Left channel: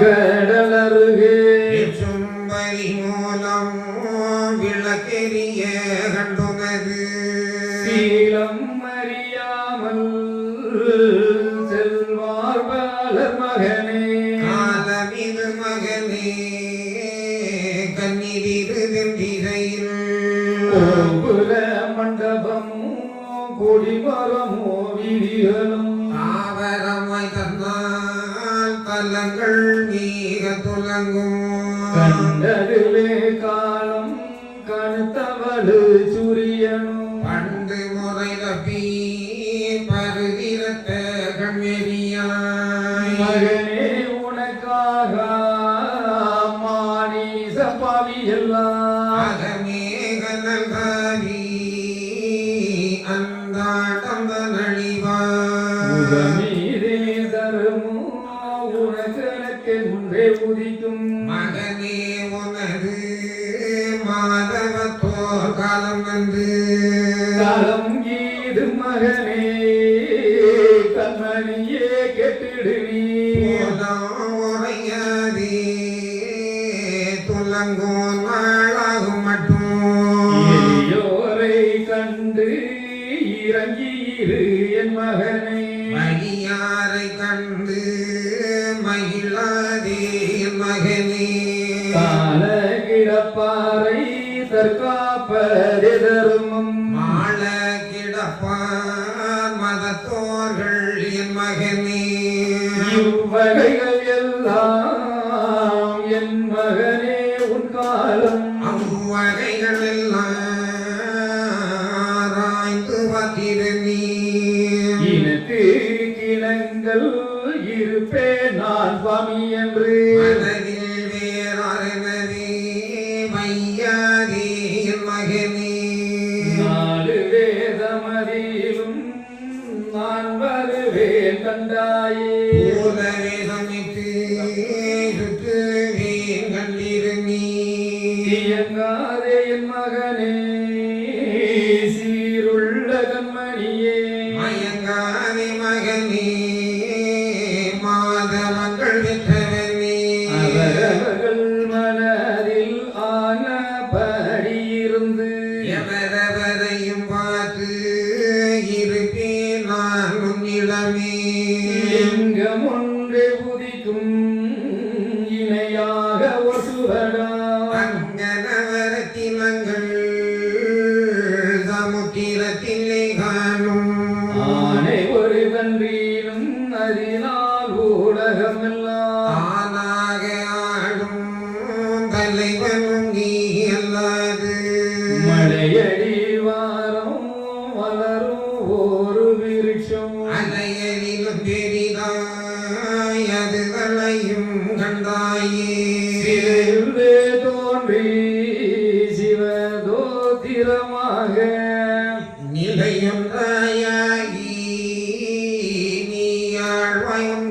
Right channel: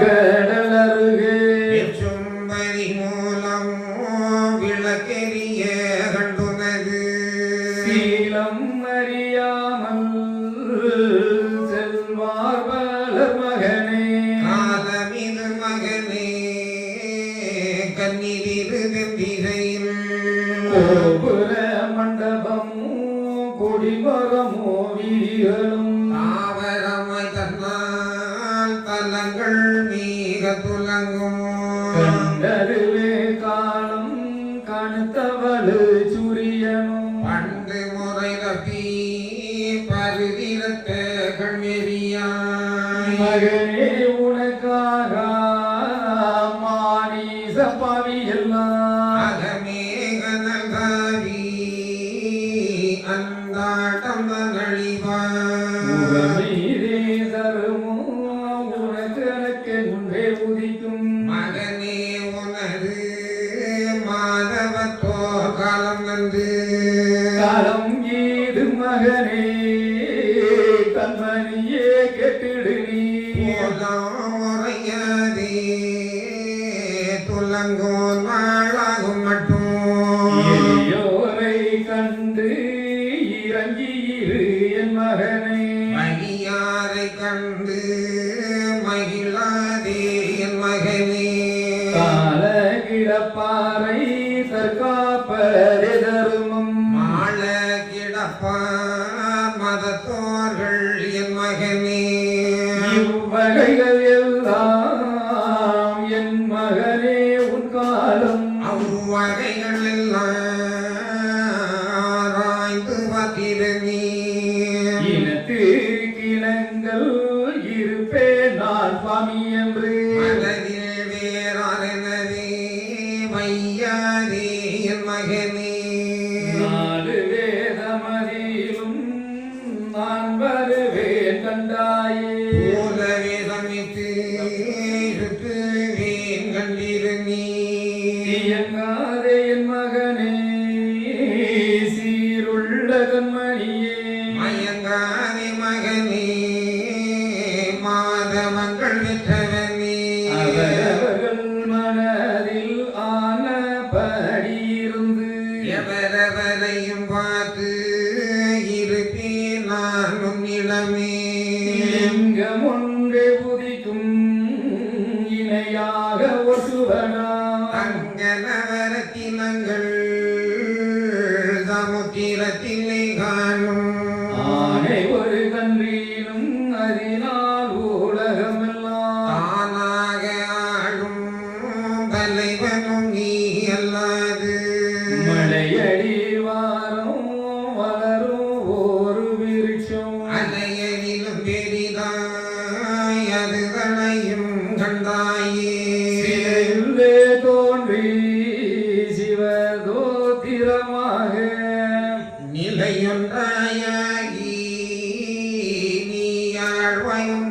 கடலருகே சும்பரி மூலம் விளக்கெரிய கண்டுனது சீலம் அறியாமல் செல்வார் பலர் மகனே. தன்னால் தலங்கள் மீக துலங்கும். கண்டதிலே காலம் கணுத்தவளு சூரியனும் பண்டு முறை தப்பி பருதிரத்த கண்ணெறியாய் மகனே உனக்காக மானீச பாவி எல்லாம் உதிக்கும் மகனே உனது மாதவத்தோர் காலம் வந்து காலம் கீது மகனே கண்மணியே கெட்டிடு நீ போதாம் உரையாதே துலங்கோ நாளாகும் மட்டும் எளியோரை கண்டு இறங்கியிரு என் மகனே மணியாரை கண்டு கால கிடப்பாறை தற்காப்பதே தருமம் மாள கிடப்பான் மதத்தோர்கள் என் மகனே. இவ்வகைகள் எல்லாம் என் மகனே உன் காலம். அவ்வகைகள் எல்லாம் ஆராய்ந்து பார்த்திரு நீ இனத்து கிணங்கள் இருப்பே நான் சுவாமி என்று மகனே நாலு வேதமதிலும் நான் வருவேன் பூலவே சமைத்து சுற்றுவேன் கண்டிரு நீ. இயங்காதே என் மகனே. நான் உன்னிடமே லிங்கம் ஒன்றே உதிக்கும் இணையாக வசுவனா அங்கனவரத்தினங்கள் சமுத்திரத்திலே காணும் ஆனை ஒரு கன்றீனும் அறினால் உலகமெல்லாம் தானாக ஆடும் அல்ல என்றாயே சிலையுள்ளே தோன்றி சிவகோத்திரமாக. நிலை என்றாயாகி நீ ஆழ்வயம்